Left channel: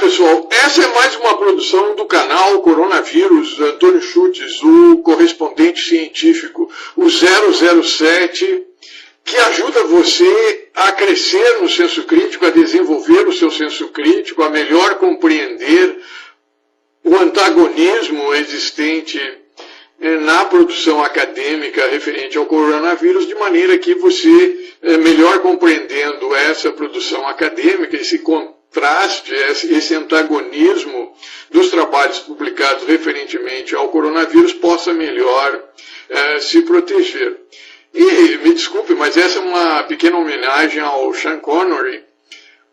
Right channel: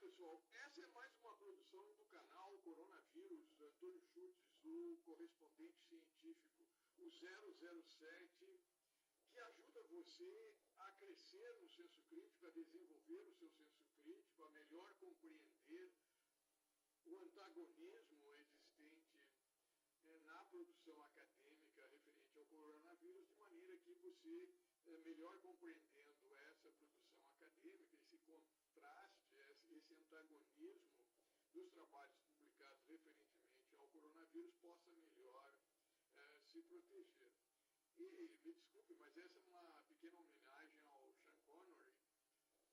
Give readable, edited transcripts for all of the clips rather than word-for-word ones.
pessoal, essa é mais uma produção do canal Coronavírus Antônio Schultz, o correspondente científico, o 007, que ajuda você a crescer no senso crítico, a desenvolver o seu senso crítico, a melhor compreender o antagonismo existente na produção acadêmica referente ao coronavírus, de maneira que você, melhor compreendendo essa produção acadêmica, esse contraste, esse antagonismo dos trabalhos publicados referentemente ao coronavírus, possa melhor se proteger. E me desculpe, mas essa é uma pequena homenagem ao Sean Connery,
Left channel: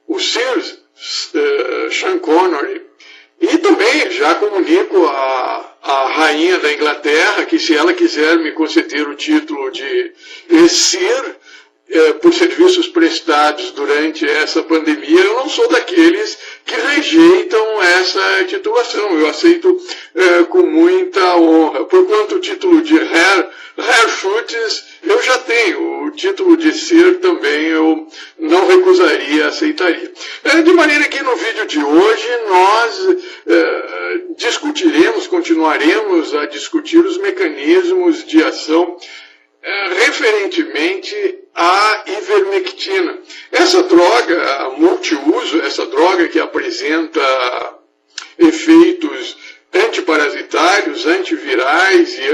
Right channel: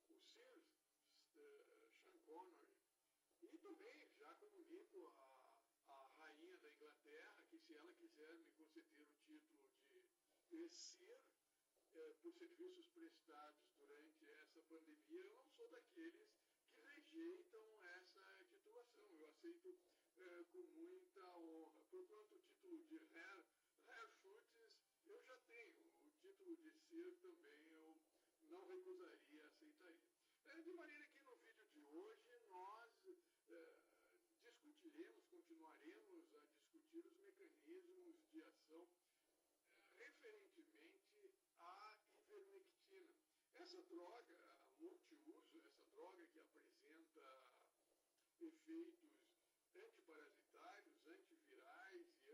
o Sir Sean Connery. E também já comunico à rainha da Inglaterra que, se ela quiser me conceder o título de Sir, por serviços prestados durante essa pandemia, eu não sou daqueles que rejeitam essa titulação. Eu aceito com muita honra. Porquanto o título de Herr Schultz eu já tenho, o título de Sir também eu não recusaria, aceitaria. De maneira que no vídeo de hoje nós continuaremos a discutir os mecanismos de ação referentemente à ivermectina. Essa droga multiuso, essa droga que apresenta efeitos antiparasitários, antivirais e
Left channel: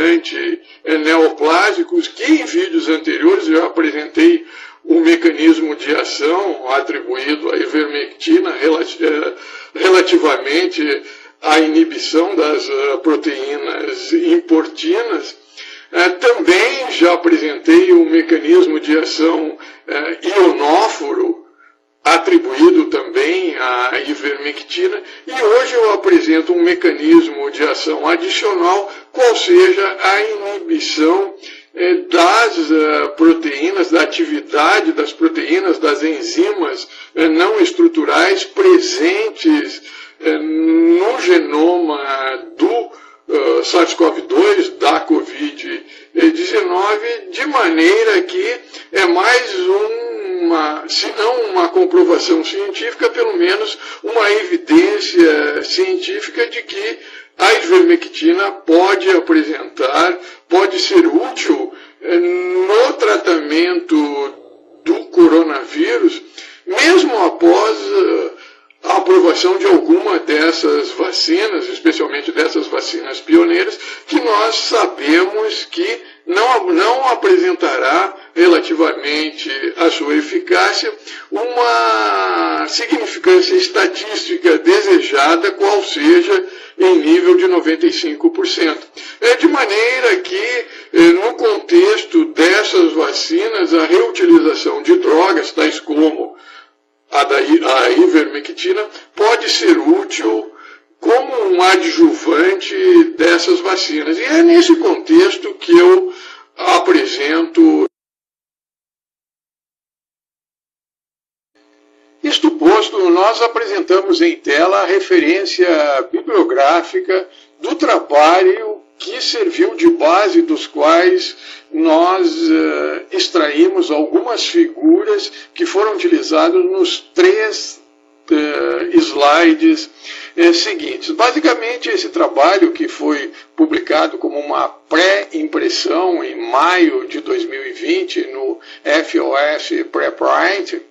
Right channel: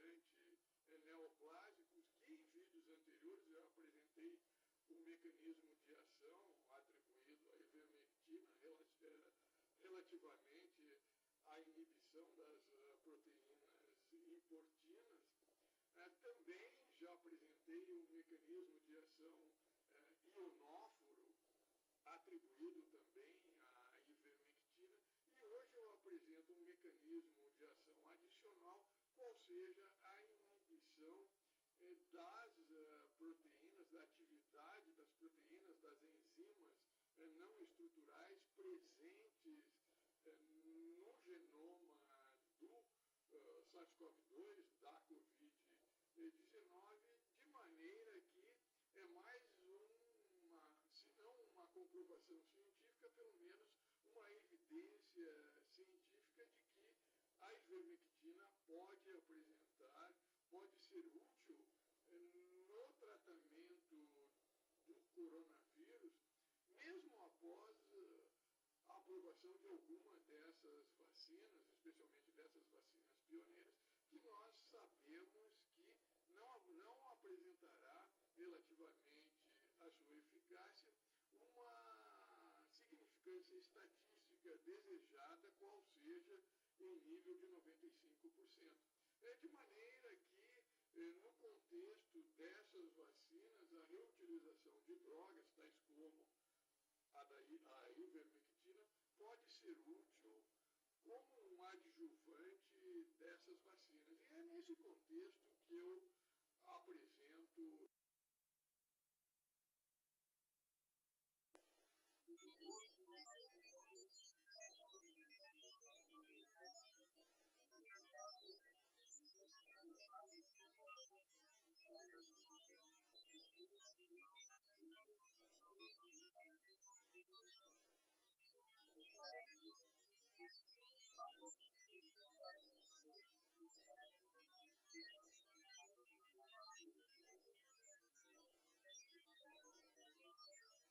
antineoplásicos, que em vídeos anteriores eu apresentei o mecanismo de ação atribuído à ivermectina relativamente à inibição das proteínas importinas. Também já apresentei o mecanismo de ação ionóforo, atribuído também à ivermectina, e hoje eu apresento um mecanismo de ação adicional, qual seja a inibição das proteínas, da atividade das proteínas, das enzimas não estruturais presentes no genoma do SARS-CoV-2, da Covid-19, de maneira que é mais se não uma comprovação científica, pelo menos uma evidência científica de que a ivermectina pode ser útil no tratamento do coronavírus, mesmo após a aprovação de alguma dessas vacinas, especialmente dessas vacinas pioneiras, que nós sabemos que não apresentará, relativamente à sua eficácia, uma significância estatística desejada, qual seja em nível de 95%. De maneira que, no contexto dessas vacinas, a reutilização de drogas, tais como a ivermectina, pode ser útil como um adjuvante dessas vacinas. E é nesse contexto que eu apresento. Isto posto, nós apresentamos em tela a referência bibliográfica do trabalho que serviu de base, dos quais nós extraímos algumas figuras que foram utilizadas nos 3 slides seguintes. Basicamente, esse trabalho, que foi publicado como uma pré-impressão em maio de 2020 no FOS Preprint,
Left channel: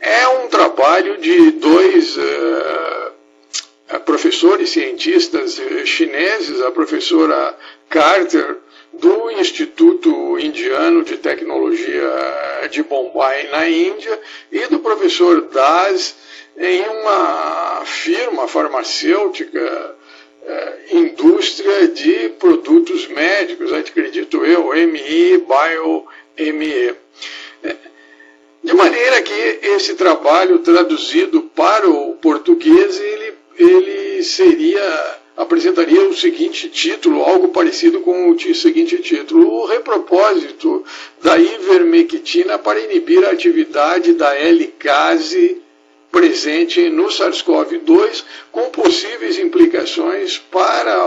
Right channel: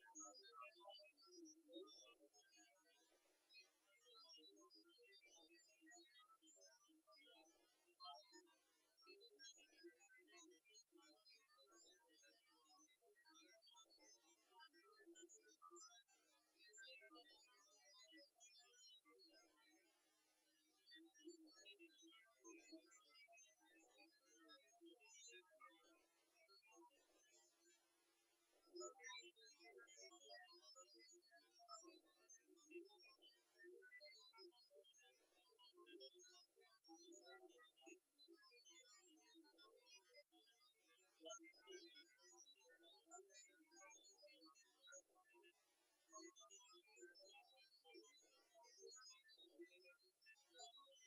é um trabalho de 2 professores cientistas chineses, a professora Carter, do Instituto Indiano de Tecnologia de Bombay, na Índia, e do professor Das, em uma firma farmacêutica, indústria de produtos médicos, acredito eu, ME Bio-ME. De maneira que esse trabalho, traduzido para o português, ele apresentaria o seguinte título, algo parecido com o seguinte título: o repropósito da ivermectina para inibir a atividade da L-case presente no SARS-CoV-2, com possíveis implicações para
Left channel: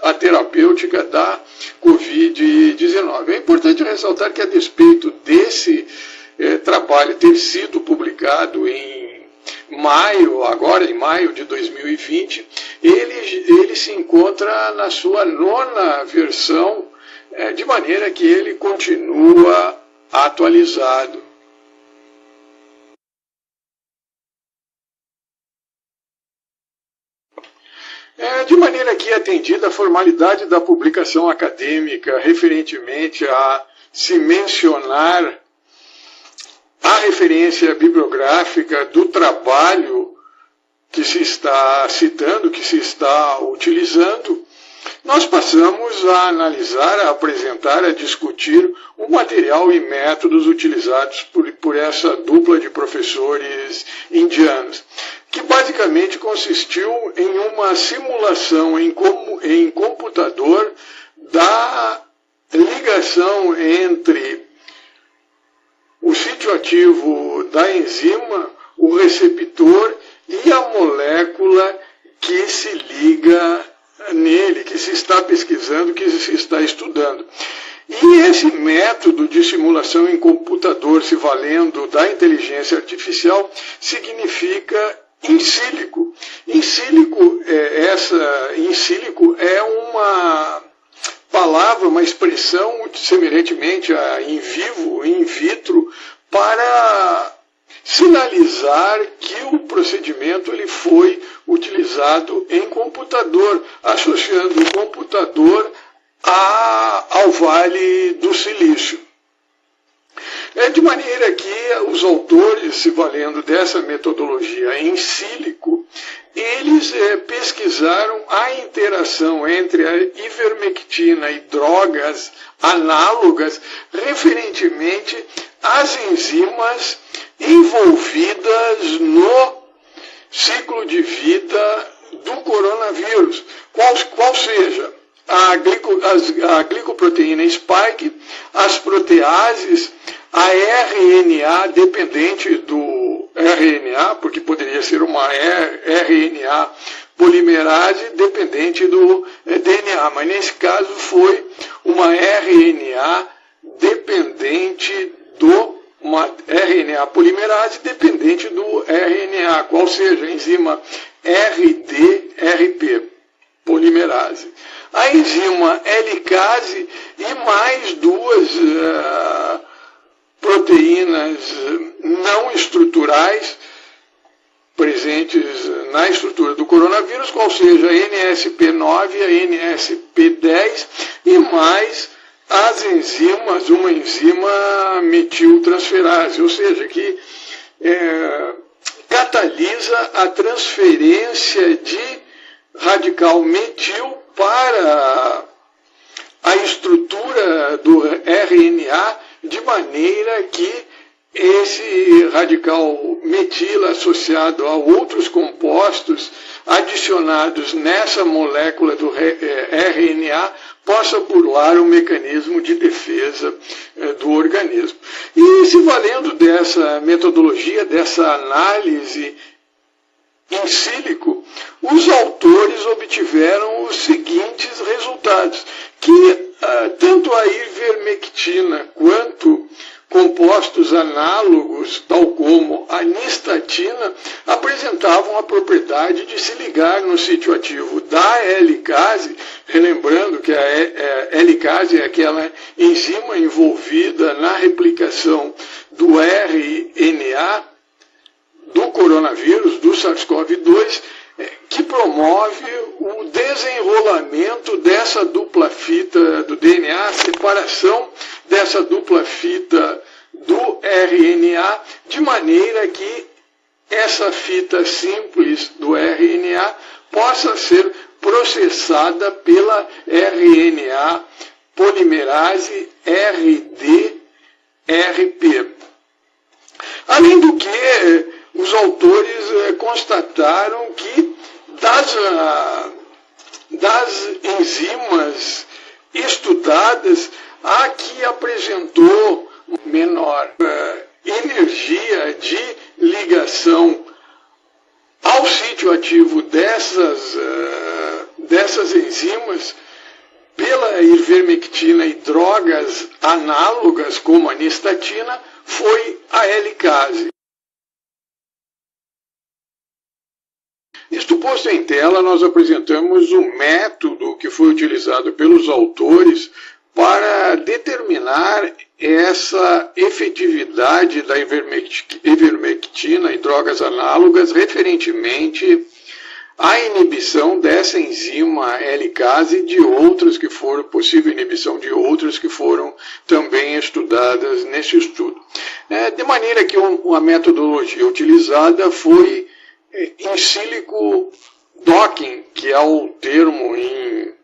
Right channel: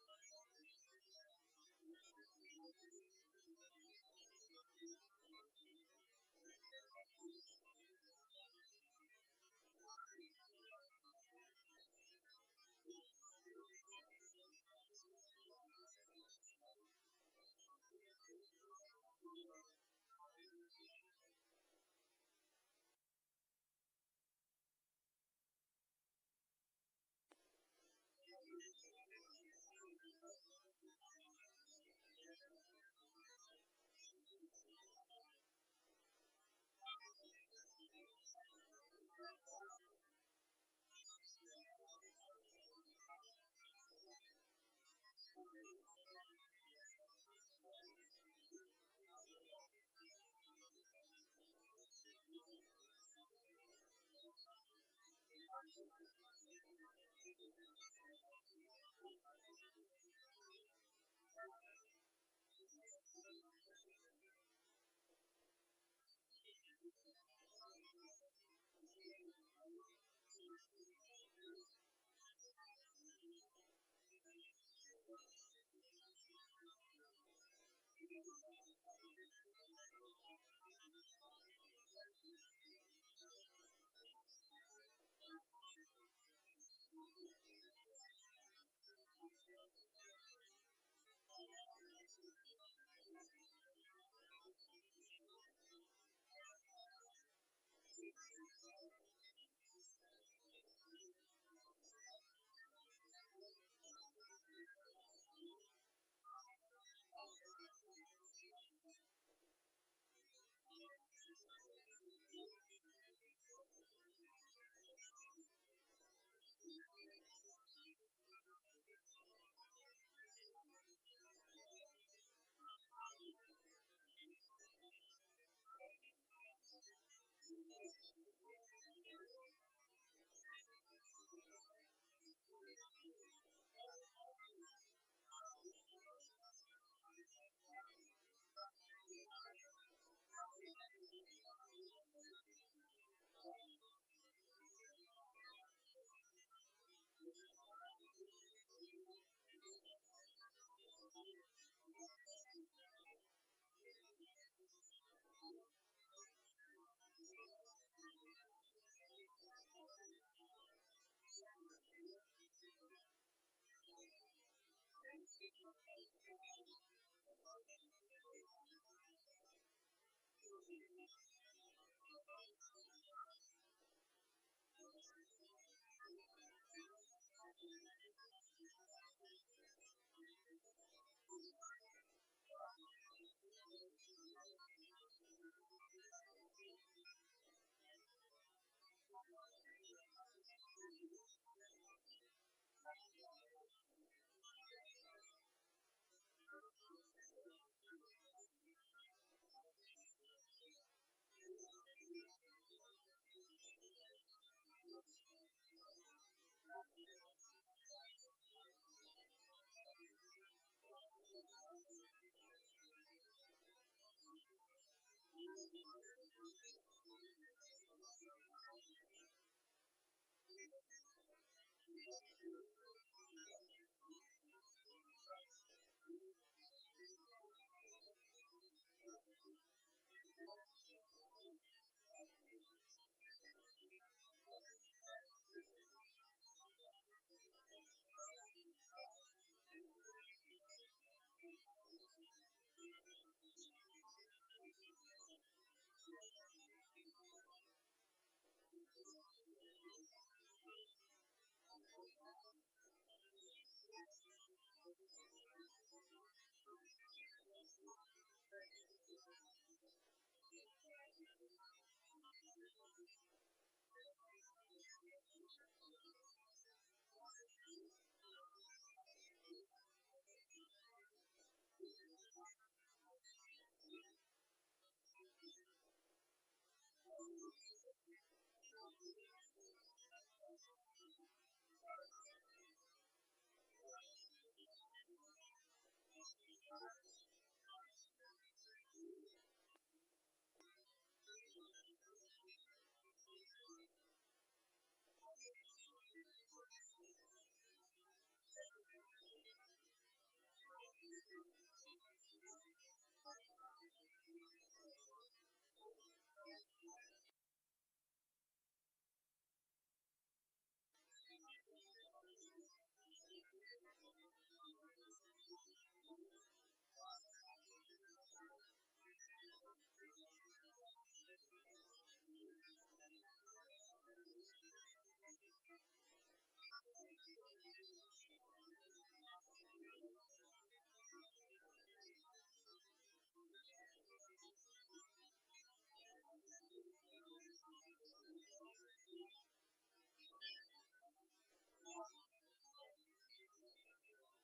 a terapêutica da Covid-19. É importante ressaltar que, a despeito desse trabalho ter sido publicado em maio, agora em maio de 2020, ele se encontra na sua 9ª versão, de maneira que ele continua atualizado. De maneira que, atendida a formalidade da publicação acadêmica referentemente a se mencionar a referência bibliográfica do trabalho que se está citando, que se está utilizando, nós passamos a analisar, a apresentar, a discutir o material e métodos utilizados por essa dupla de professores indianos, que basicamente consistiu em uma simulação em computador da ligação entre o sítio ativo da enzima, o receptor e a molécula que se liga nele, que se está pesquisando, que se está estudando. E esse método de simulação em computador, se valendo da inteligência artificial, significa in silico. In silico é uma palavra, uma expressão semelhantemente a in vivo, in vitro, para sinalizar que o procedimento ele foi utilizado em computador, associando o computador ao Vale do Silício. De maneira que os autores, se valendo dessa metodologia em sílico, eles pesquisaram a interação entre a ivermectina e drogas análogas referentemente às enzimas envolvidas no ciclo de vida do coronavírus, qual seja a glicoproteína spike, as proteases, a RNA dependente do RNA, porque poderia ser uma RNA polimerase dependente do DNA, mas nesse caso foi uma RNA dependente uma RNA polimerase dependente do RNA, qual seja a enzima RDRP, polimerase. A enzima helicase e mais duas proteínas não estruturais presentes na estrutura do coronavírus, qual seja a NSP9 e a NSP10 e mais as enzimas, uma enzima metiltransferase, ou seja, que catalisa a transferência de radical metil para a estrutura do RNA, de maneira que esse radical metil associado a outros compostos adicionados nessa molécula do RNA possa burlar o mecanismo de defesa do organismo. E se valendo dessa metodologia, dessa análise in silico, os autores obtiveram os seguintes resultados, que tanto a ivermectina quanto compostos análogos, tal como a nistatina, apresentavam a propriedade de se ligar no sítio ativo da helicase, relembrando que a helicase é aquela enzima envolvida na replicação do RNA do coronavírus, do SARS-CoV-2, que promove o desenrolamento dessa dupla fita do DNA, a separação dessa dupla fita do RNA, de maneira que essa fita simples do RNA possa ser processada pela RNA polimerase RDRP. Além do que, os autores constataram que das enzimas estudadas, a que apresentou menor energia de ligação ao sítio ativo dessas enzimas pela ivermectina e drogas análogas como a nistatina foi a helicase. Isto posto em tela, nós apresentamos o método que foi utilizado pelos autores para determinar essa efetividade da ivermectina e drogas análogas referentemente à inibição dessa enzima L-case e de outras que foram, possível inibição de outras que foram também estudadas nesse estudo. De maneira que a metodologia utilizada foi in silico docking, que é o termo em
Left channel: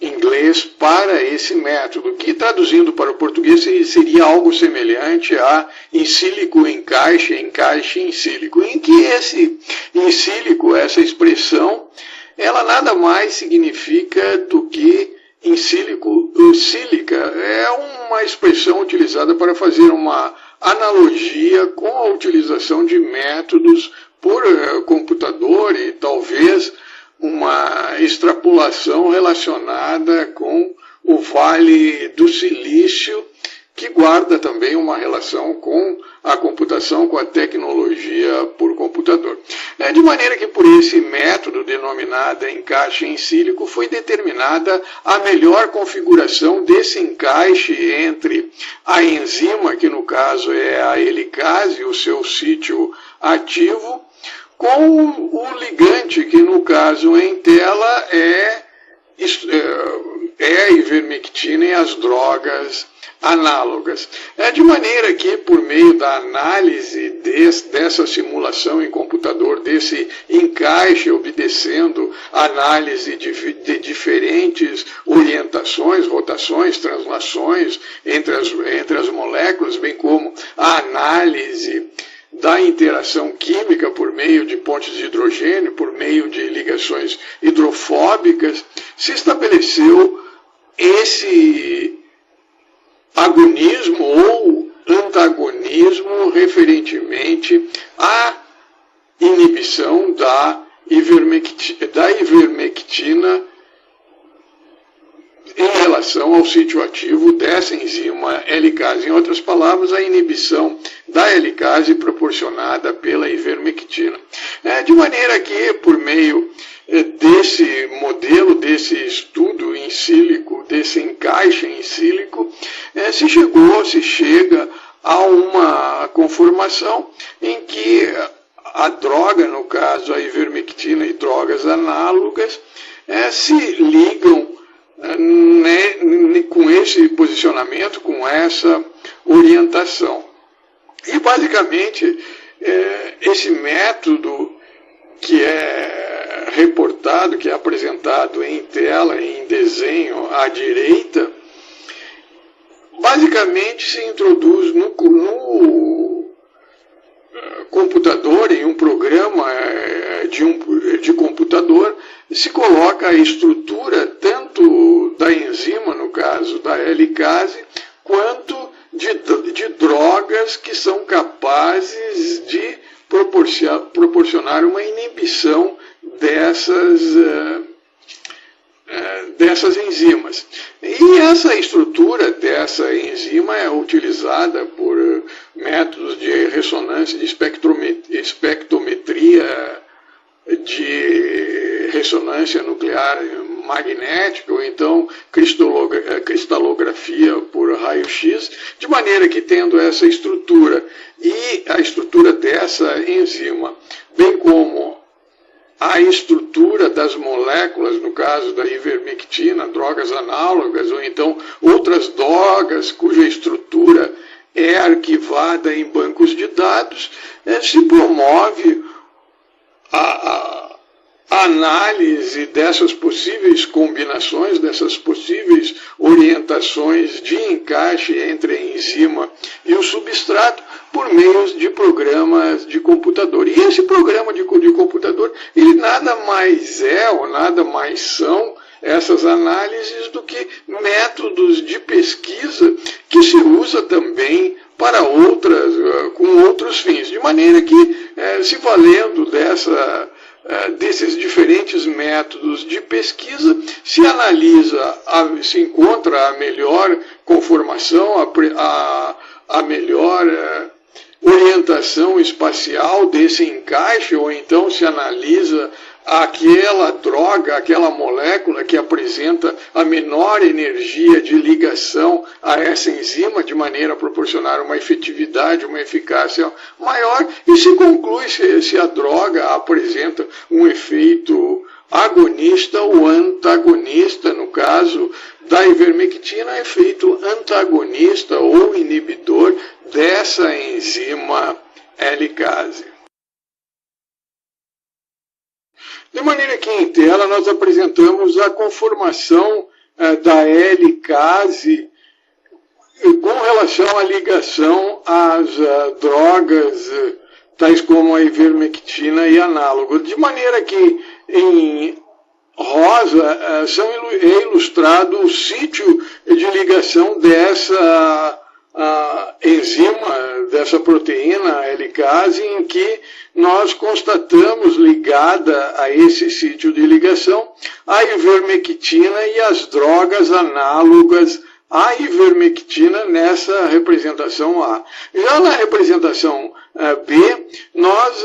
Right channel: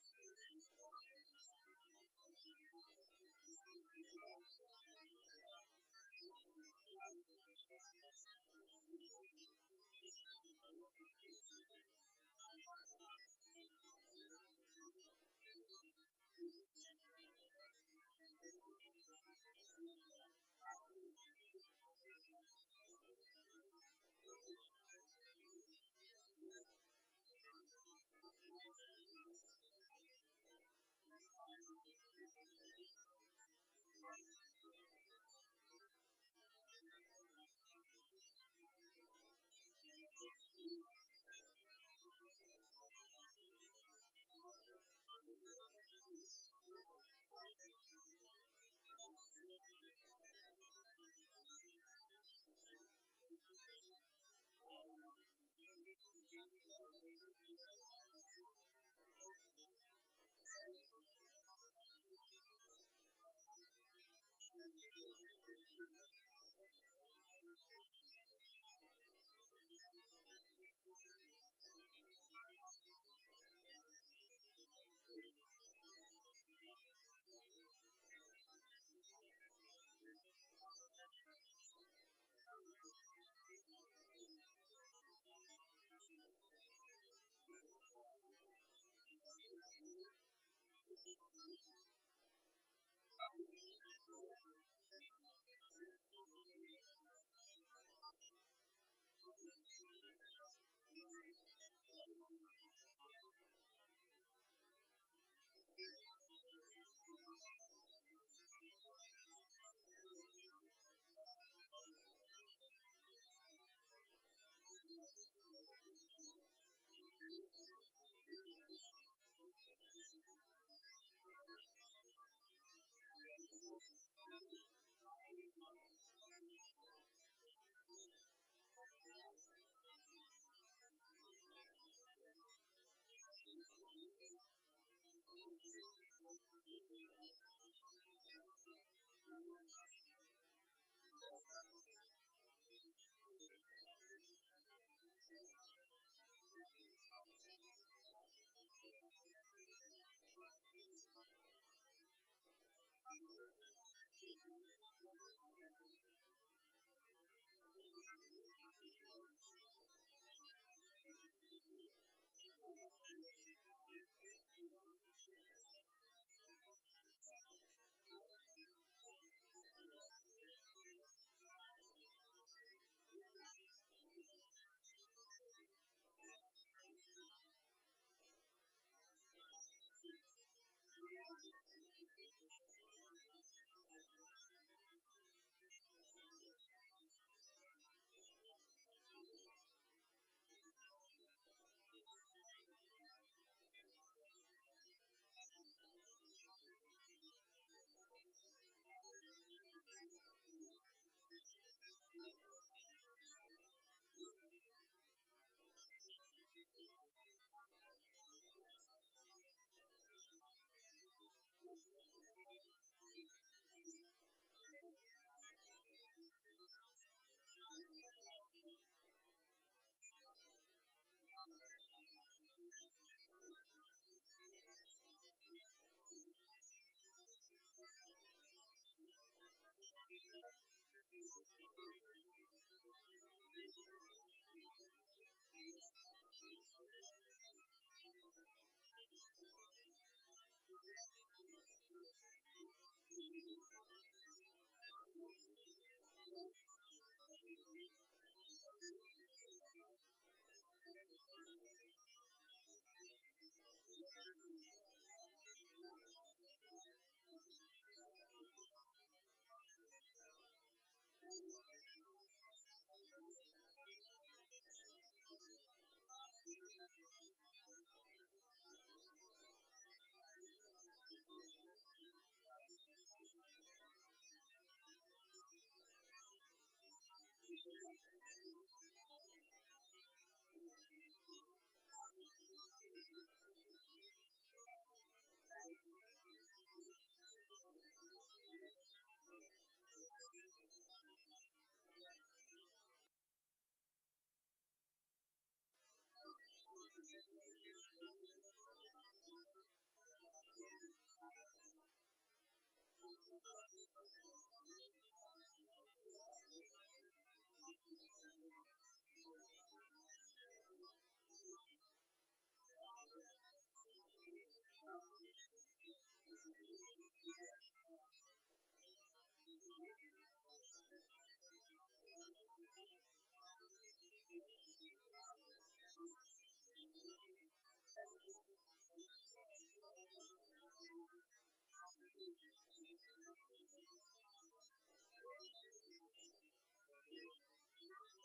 inglês para esse método, que traduzindo para o português seria algo semelhante a in silico encaixe, encaixe in silico, em que esse in silico, essa expressão, ela nada mais significa do que in silico sílica, é uma expressão utilizada para fazer uma analogia com a utilização de métodos por computador e talvez uma extrapolação relacionada com o Vale do Silício, que guarda também uma relação com a computação, com a tecnologia por computador. De maneira que por esse método denominado encaixe em sílico foi determinada a melhor configuração desse encaixe entre a enzima, que no caso é a helicase, o seu sítio ativo, com o ligante, que no caso em tela é a ivermectina e as drogas análogas. De maneira que, por meio da análise dessa simulação em computador, desse encaixe, obedecendo análise de diferentes orientações, rotações, translações entre as moléculas, bem como a análise da interação química por meio de pontes de hidrogênio, por meio de ligações hidrofóbicas, se estabeleceu esse agonismo ou antagonismo referentemente à inibição da ivermectina em relação ao sítio ativo dessa enzima L-case. Em outras palavras, a inibição da L-case proporcionada pela ivermectina. De maneira que, por meio desse modelo, desse estudo em sílico, desse encaixe em sílico, se chega a uma conformação em que a droga, no caso a ivermectina e drogas análogas, se ligam com esse posicionamento, com essa orientação. E basicamente esse método que é reportado, que é apresentado em tela, em desenho à direita, basicamente se introduz no computador, em um programa de computador, se coloca a estrutura tanto da enzima, no caso da L-case, quanto de drogas que são capazes de proporcionar uma inibição dessas enzimas. E essa estrutura dessa enzima é utilizada por métodos de ressonância, de espectrometria, de ressonância nuclear magnética, ou então cristalografia por raio-x, de maneira que, tendo essa estrutura e a estrutura dessa enzima, bem como a estrutura das moléculas, no caso da ivermectina, drogas análogas, ou então outras drogas cuja estrutura é arquivada em bancos de dados, se promove a análise dessas possíveis combinações, dessas possíveis orientações de encaixe entre a enzima e o substrato por meio de programas de computador. E esse programa de computador, ele nada mais é ou nada mais são essas análises do que métodos de pesquisa que se usa também para com outros fins. De maneira que, se valendo desses diferentes métodos de pesquisa, se analisa, se encontra a melhor conformação, a melhor orientação espacial desse encaixe, ou então se analisa aquela droga, aquela molécula que apresenta a menor energia de ligação a essa enzima, de maneira a proporcionar uma efetividade, uma eficácia maior, e se conclui se a droga apresenta um efeito agonista ou antagonista. No caso da ivermectina, efeito antagonista ou inibidor dessa enzima helicase. De maneira que em tela nós apresentamos a conformação da helicase com relação à ligação às drogas, tais como a ivermectina e análogos. De maneira que em rosa é ilustrado o sítio de ligação dessa enzima, dessa proteína helicase, em que nós constatamos ligada a esse sítio de ligação a ivermectina e as drogas análogas à ivermectina nessa representação A. Já na representação B, nós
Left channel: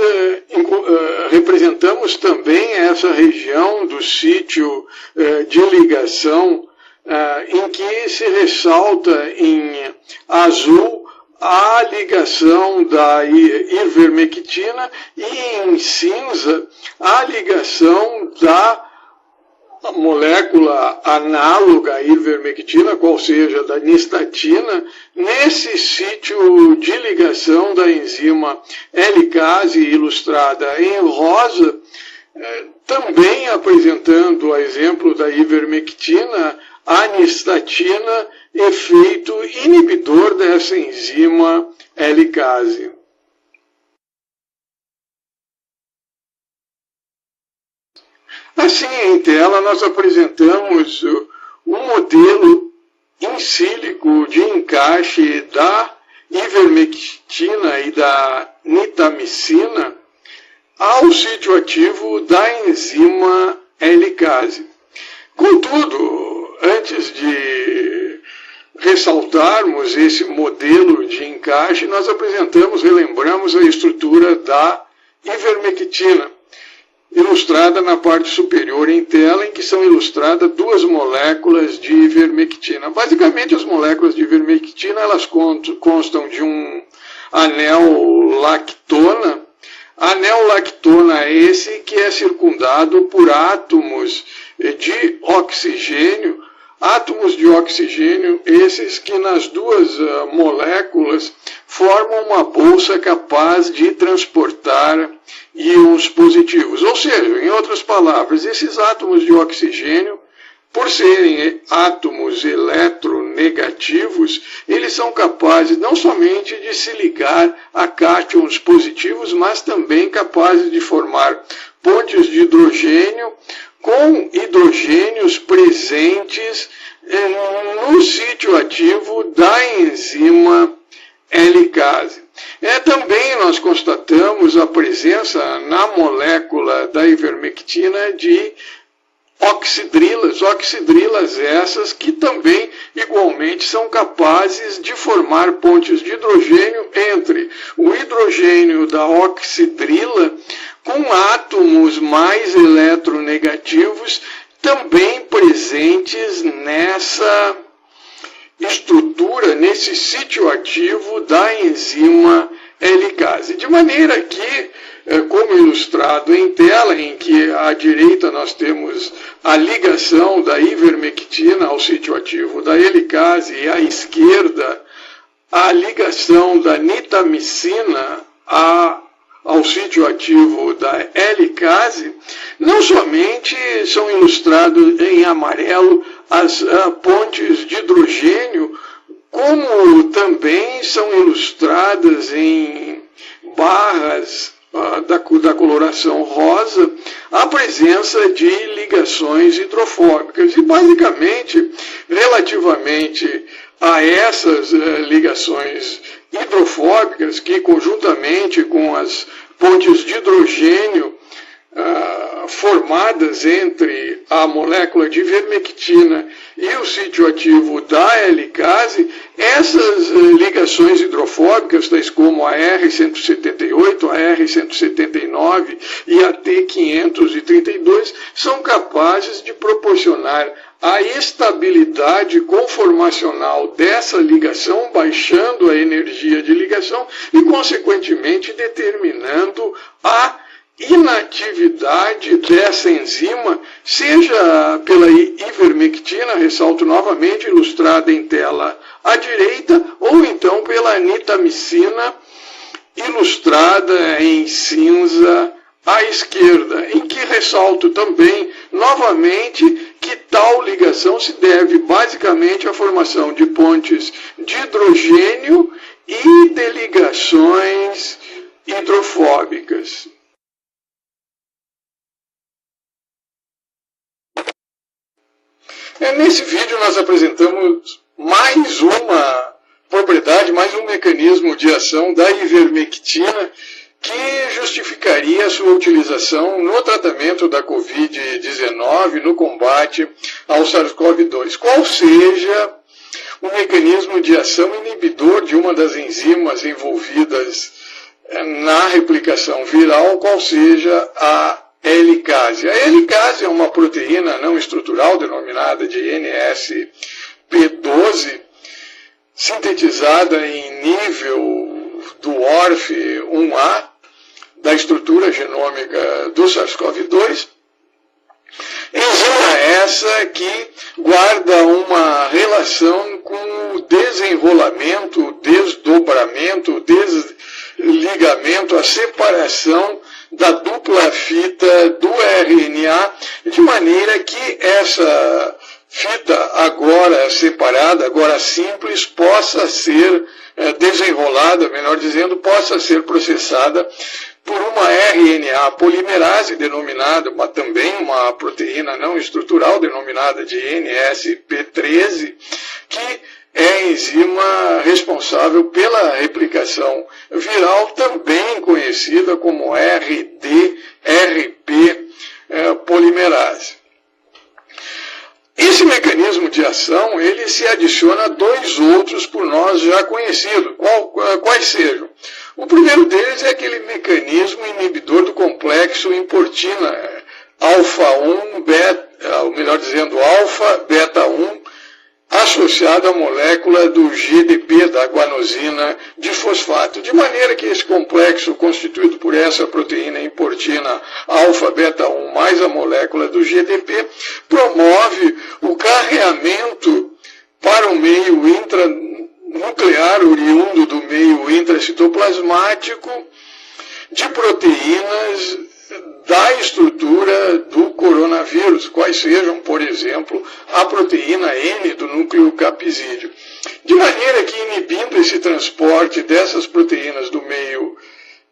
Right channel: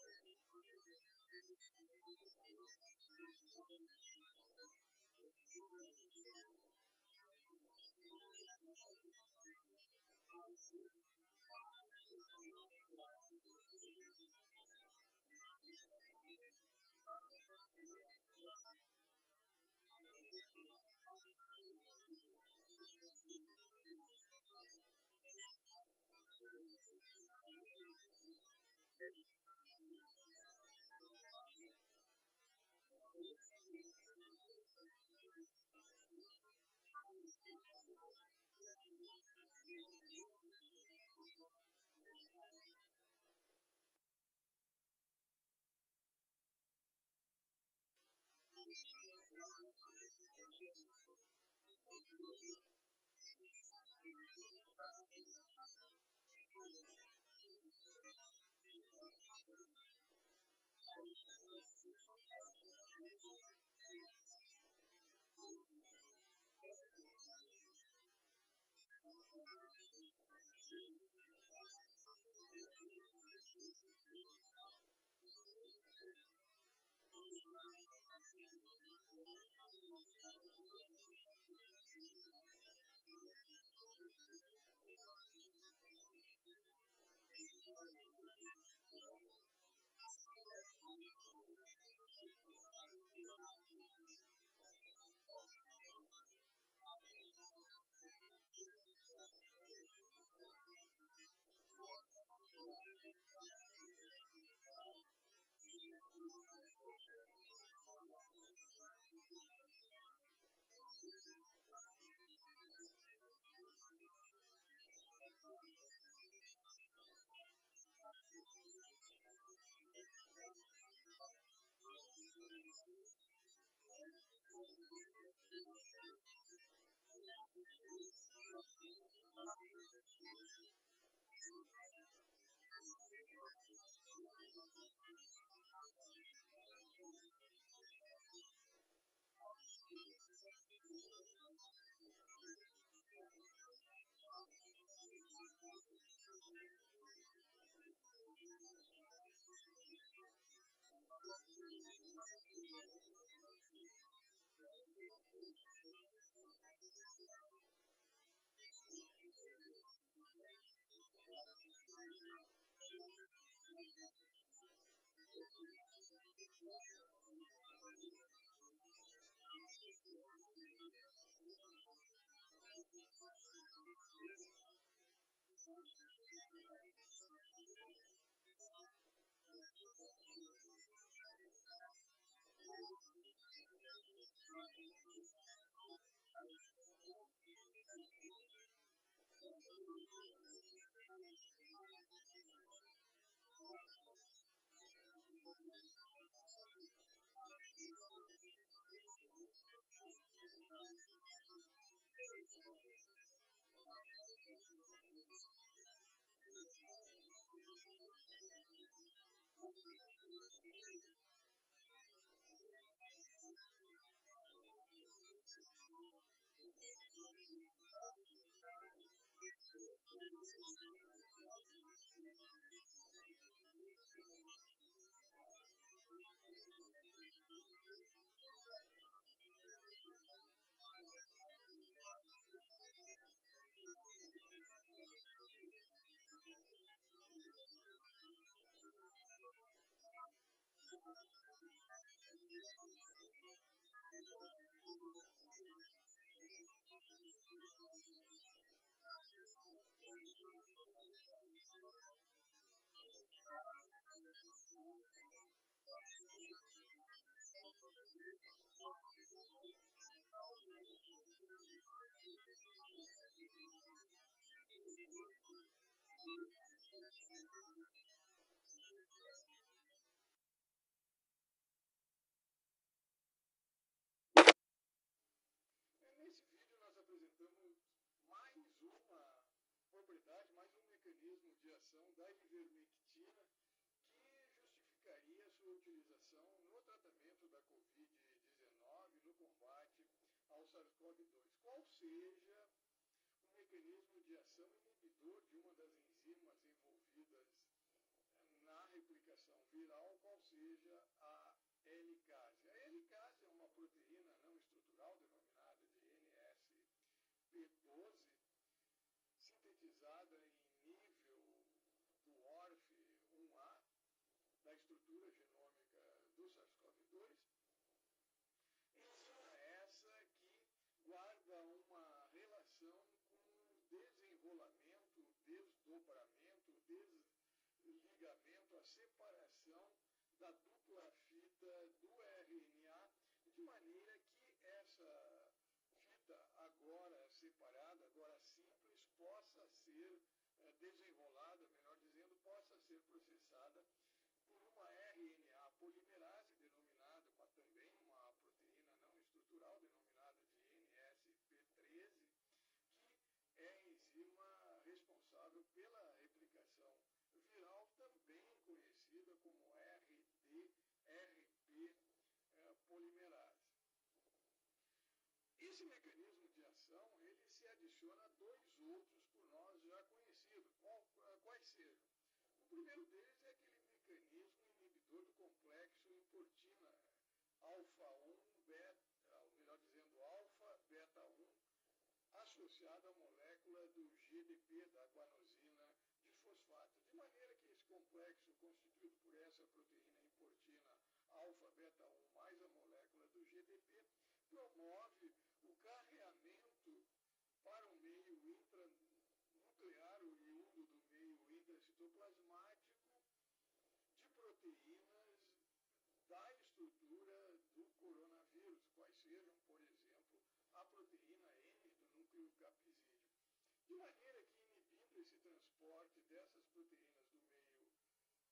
representamos também essa região do sítio de ligação em que se ressalta em azul a ligação da ivermectina e em cinza a ligação da molécula análoga à ivermectina, qual seja da nistatina, nesse sítio de ligação da enzima helicase ilustrada em rosa, também apresentando a exemplo da ivermectina, a nistatina, efeito inibidor dessa enzima helicase. Assim, em tela, nós apresentamos um modelo in sílico de encaixe da ivermectina e da nitamicina ao sítio ativo da enzima helicase. Contudo, antes de ressaltarmos esse modelo de encaixe, nós relembramos a estrutura da ivermectina, ilustrada na parte superior em tela, em que são ilustradas duas moléculas de ivermectina. Basicamente, as moléculas de ivermectina elas constam de um anel lactona. Anel lactona é esse que é circundado por átomos de oxigênio. Átomos de oxigênio, esses que nas duas moléculas formam uma bolsa capaz de transportar íons positivos. Ou seja, em outras palavras, esses átomos de oxigênio, por serem átomos eletronegativos, eles são capazes não somente de se ligar a cátions positivos, mas também capazes de formar pontes de hidrogênio com hidrogênios presentes no sítio ativo da enzima helicase. Também nós constatamos a presença na molécula da ivermectina de oxidrilas essas que também igualmente são capazes de formar pontes de hidrogênio entre o hidrogênio da oxidrila com átomos mais eletronegativos também presentes nessa estrutura, nesse sítio ativo da enzima helicase. De maneira que, como ilustrado em tela, em que à direita nós temos a ligação da ivermectina ao sítio ativo da helicase e à esquerda a ligação da nitamicina ao sítio ativo da helicase, não somente são ilustrados em amarelo as pontes de hidrogênio, como também são ilustradas em barras da coloração rosa a presença de ligações hidrofóbicas. E basicamente, relativamente a essas ligações hidrofóbicas, que conjuntamente com as pontes de hidrogênio formadas entre a molécula de ivermectina e o sítio ativo da helicase, essas ligações hidrofóbicas, tais como a R178, a R179 e a T532, são capazes de proporcionar a estabilidade conformacional dessa ligação, baixando a energia de ligação e, consequentemente, determinando a inatividade dessa enzima, seja pela ivermectina, ressalto novamente, ilustrada em tela à direita, ou então pela nitamicina, ilustrada em cinza à esquerda, em que ressalto também, novamente, que tal ligação se deve basicamente à formação de pontes de hidrogênio e de ligações hidrofóbicas. Nesse vídeo nós apresentamos mais uma propriedade, mais um mecanismo de ação da ivermectina que justificaria a sua utilização no tratamento da Covid-19, no combate ao SARS-CoV-2. Qual seja o mecanismo de ação inibidor de uma das enzimas envolvidas na replicação viral, qual seja a helicase. A helicase é uma proteína não estrutural denominada de NSP12, sintetizada em nível do ORF1A, da estrutura genômica do SARS-CoV-2. Enzima essa que guarda uma relação com o desenrolamento, desdobramento, desligamento, a separação da dupla fita do RNA, de maneira que essa fita agora separada, agora simples, possa ser desenrolada, melhor dizendo, possa ser processada por uma RNA polimerase denominada, também uma proteína não estrutural denominada de NSP13, que é a enzima responsável pela replicação viral, também conhecida como RDRP polimerase. Esse mecanismo de ação, ele se adiciona a dois outros por nós já conhecidos. Quais sejam? O primeiro deles é aquele mecanismo inibidor do complexo importina alfa-1, beta, ou melhor dizendo, alfa-beta-1, associado à molécula do GDP, da guanosina de fosfato. De maneira que esse complexo, constituído por essa proteína importina alfa-beta-1 mais a molécula do GDP, promove o carreamento para o meio intranuclear, oriundo do meio intracitoplasmático, de proteínas da estrutura do coronavírus, quais sejam, por exemplo, a proteína N do núcleo capsídeo. De maneira que, inibindo esse transporte dessas proteínas do meio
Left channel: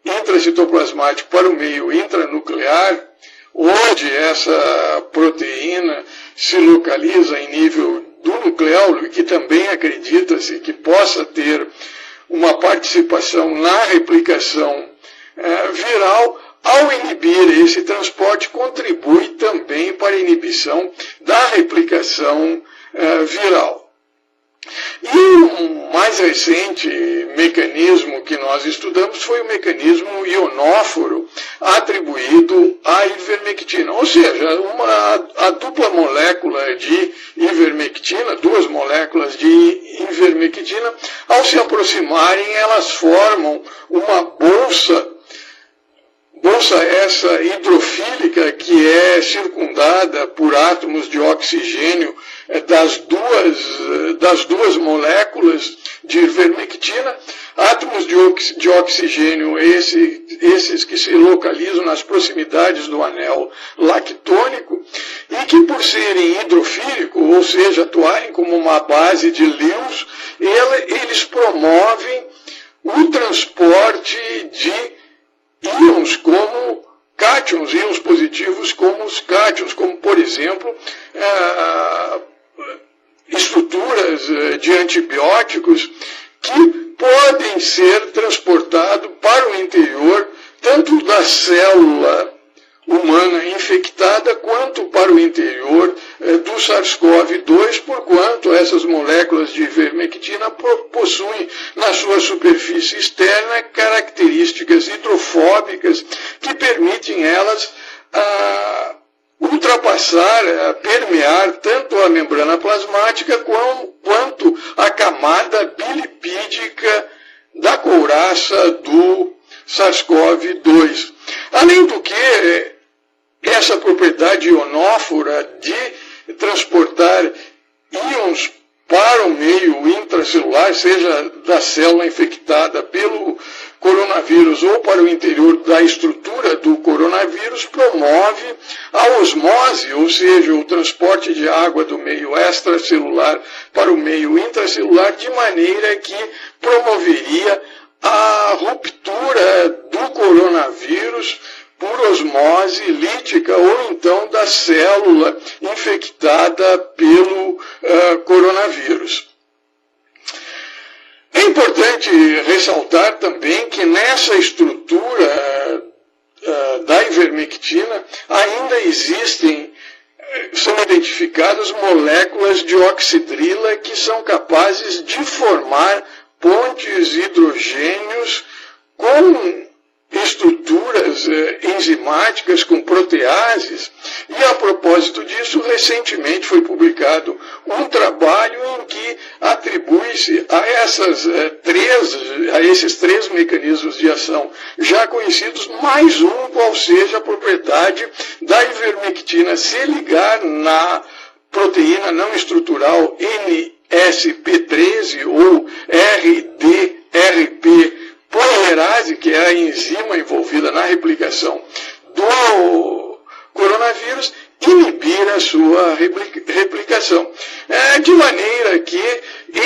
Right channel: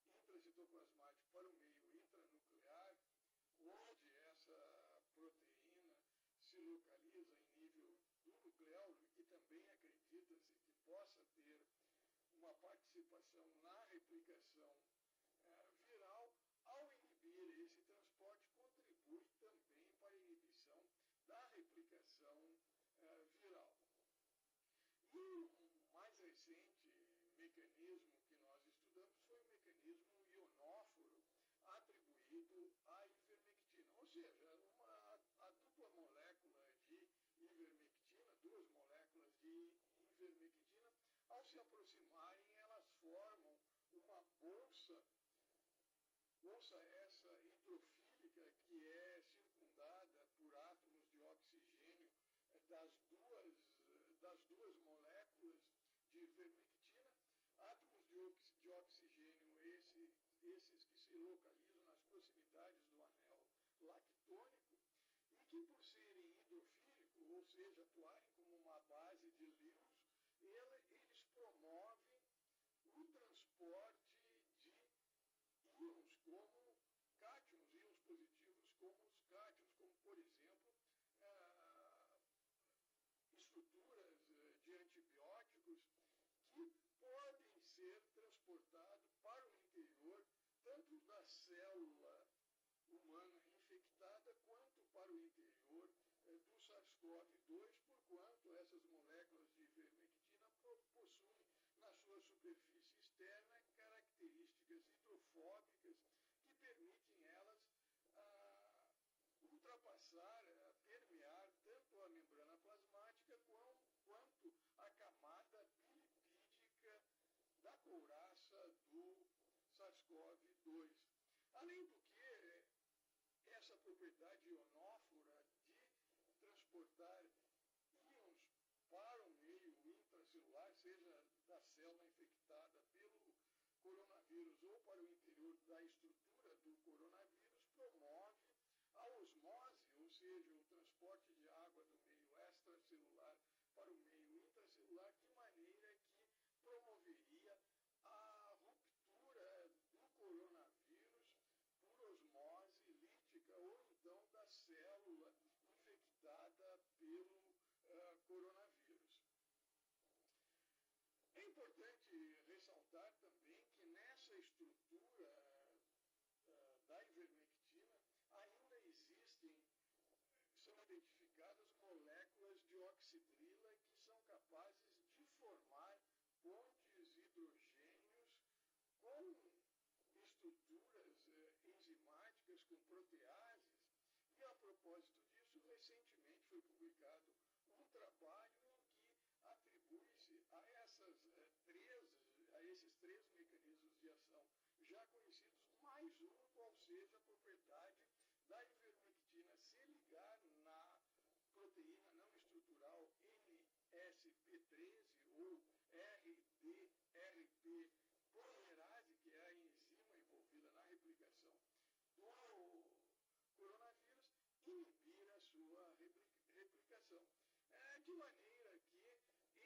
intracitoplasmático para o meio intranuclear, onde essa proteína se localiza em nível do nucleolo e que também acredita-se que possa ter uma participação na replicação viral, ao inibir esse transporte, contribui também para a inibição da replicação viral. E o mais recente mecanismo que nós estudamos foi o mecanismo ionóforo atribuído à ivermectina. Ou seja, a dupla molécula de ivermectina, duas moléculas de ivermectina, ao se aproximarem, elas formam uma bolsa essa hidrofílica que é circundada por átomos de oxigênio das duas moléculas de ivermectina, átomos de oxigênio esses que se localizam nas proximidades do anel lactônico e que, por serem hidrofílicos, ou seja, atuarem como uma base de Lewis, eles promovem o transporte de íons como cátions, íons positivos como os cátions, como, por exemplo, estruturas de antibióticos que podem ser transportados para o interior tanto da célula humana infectada quanto para o interior do SARS-CoV-2, porquanto essas moléculas de ivermectina possuem na sua superfície externa características hidrofóbicas que permitem elas ultrapassar, permear tanto a membrana plasmática quanto a camada bilipídica da couraça do SARS-CoV-2. Além do que, essa propriedade ionófora de transportar íons para o meio intracelular, seja da célula infectada pelo coronavírus ou para o interior da estrutura do coronavírus, promove a osmose, ou seja, o transporte de água do meio extracelular para o meio intracelular, de maneira que promoveria a ruptura do coronavírus por osmose lítica ou então da célula infectada pelo coronavírus. É importante ressaltar também que nessa estrutura da ivermectina ainda são identificadas moléculas de oxidrila que são capazes de formar pontes hidrogênios com estruturas enzimáticas, com proteases, e a propósito disso, recentemente foi publicado um trabalho em que atribui-se a esses três mecanismos de ação já conhecidos, mais um, qual seja a propriedade da ivermectina se ligar na proteína não estrutural NSP13 ou RDRP polimerase, que é a enzima envolvida na replicação do coronavírus, inibir a sua replicação. De maneira que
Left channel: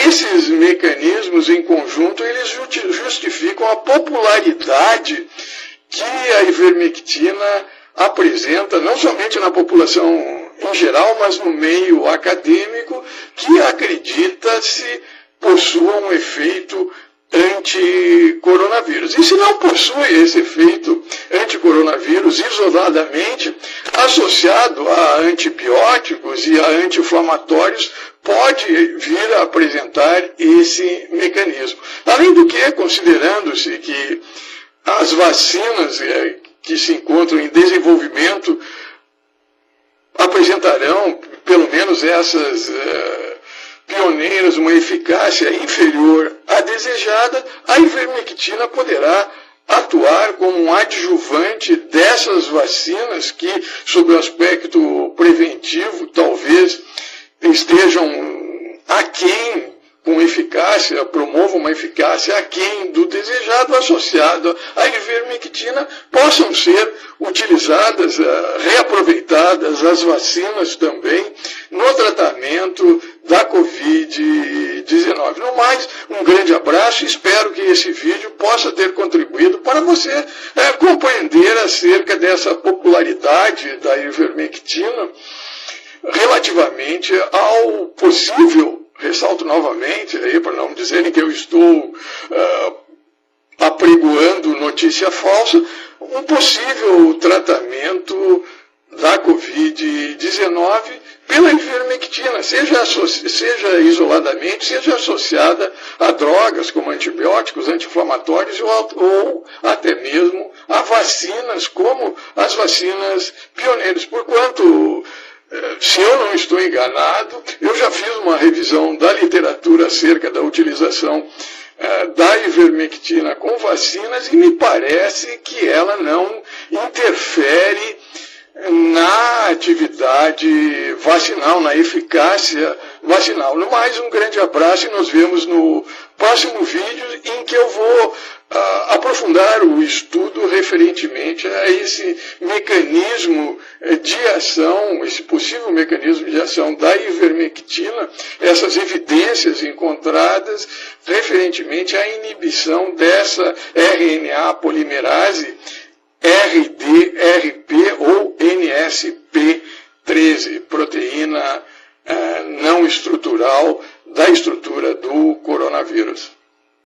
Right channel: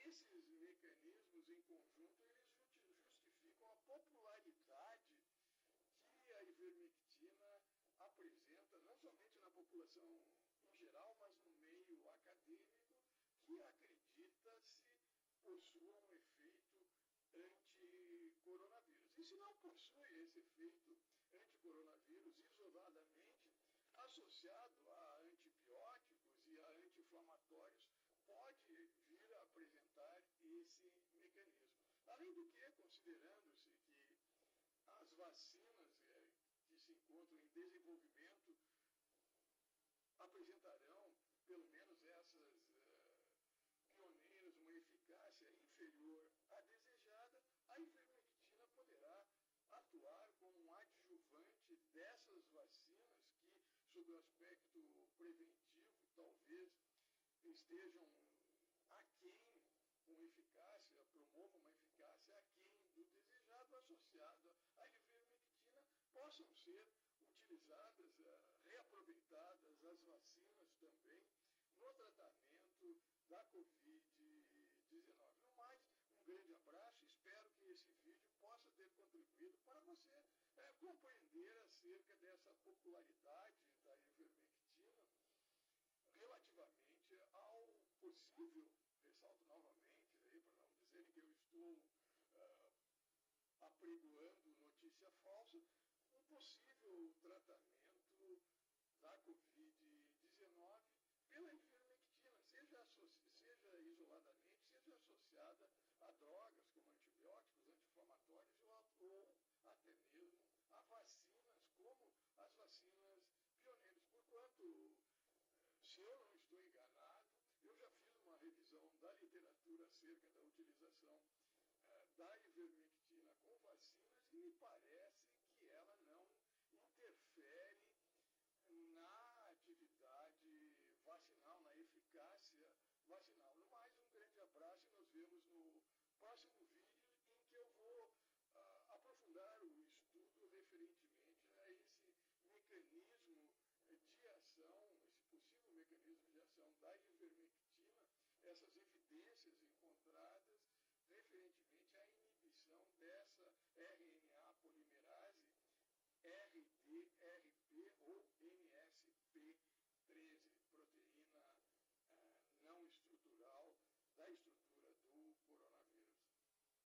esses mecanismos em conjunto, eles justificam a popularidade que a ivermectina apresenta, não somente na população em geral, mas no meio acadêmico, que acredita-se possua um efeito anticoronavírus. E se não possui esse efeito anticoronavírus isoladamente, associado a antibióticos e a anti-inflamatórios, pode vir a apresentar esse mecanismo. Além do que, considerando-se que as vacinas que se encontram em desenvolvimento apresentarão, pelo menos essas pioneiras, uma eficácia inferior à desejada, a ivermectina poderá atuar como um adjuvante dessas vacinas que, sob o aspecto preventivo, talvez estejam aquém, com eficácia, promovam uma eficácia aquém do desejado, associado à ivermectina, possam ser utilizadas, reaproveitadas as vacinas também no tratamento da Covid-19. No mais, um grande abraço e espero que esse vídeo possa ter contribuído para você compreender acerca dessa popularidade da ivermectina relativamente ao possível, ressalto novamente, para não dizerem que eu estou apregoando notícia falsa, um possível tratamento da Covid-19 pela ivermectina, seja isoladamente, seja associada a drogas como antibióticos, anti-inflamatórios ou até mesmo a vacinas, como as vacinas pioneiras. Porquanto, se eu não estou enganado, eu já fiz uma revisão da literatura acerca da utilização da ivermectina com vacinas e me parece que ela não interfere na atividade vacinal, na eficácia vacinal. No mais, um grande abraço e nos vemos no próximo vídeo em que eu vou aprofundar o estudo referentemente a esse mecanismo de ação, esse possível mecanismo de ação da ivermectina, essas evidências encontradas referentemente à inibição dessa RNA polimerase RDRP ou NSP13, proteína não estrutural da estrutura do coronavírus.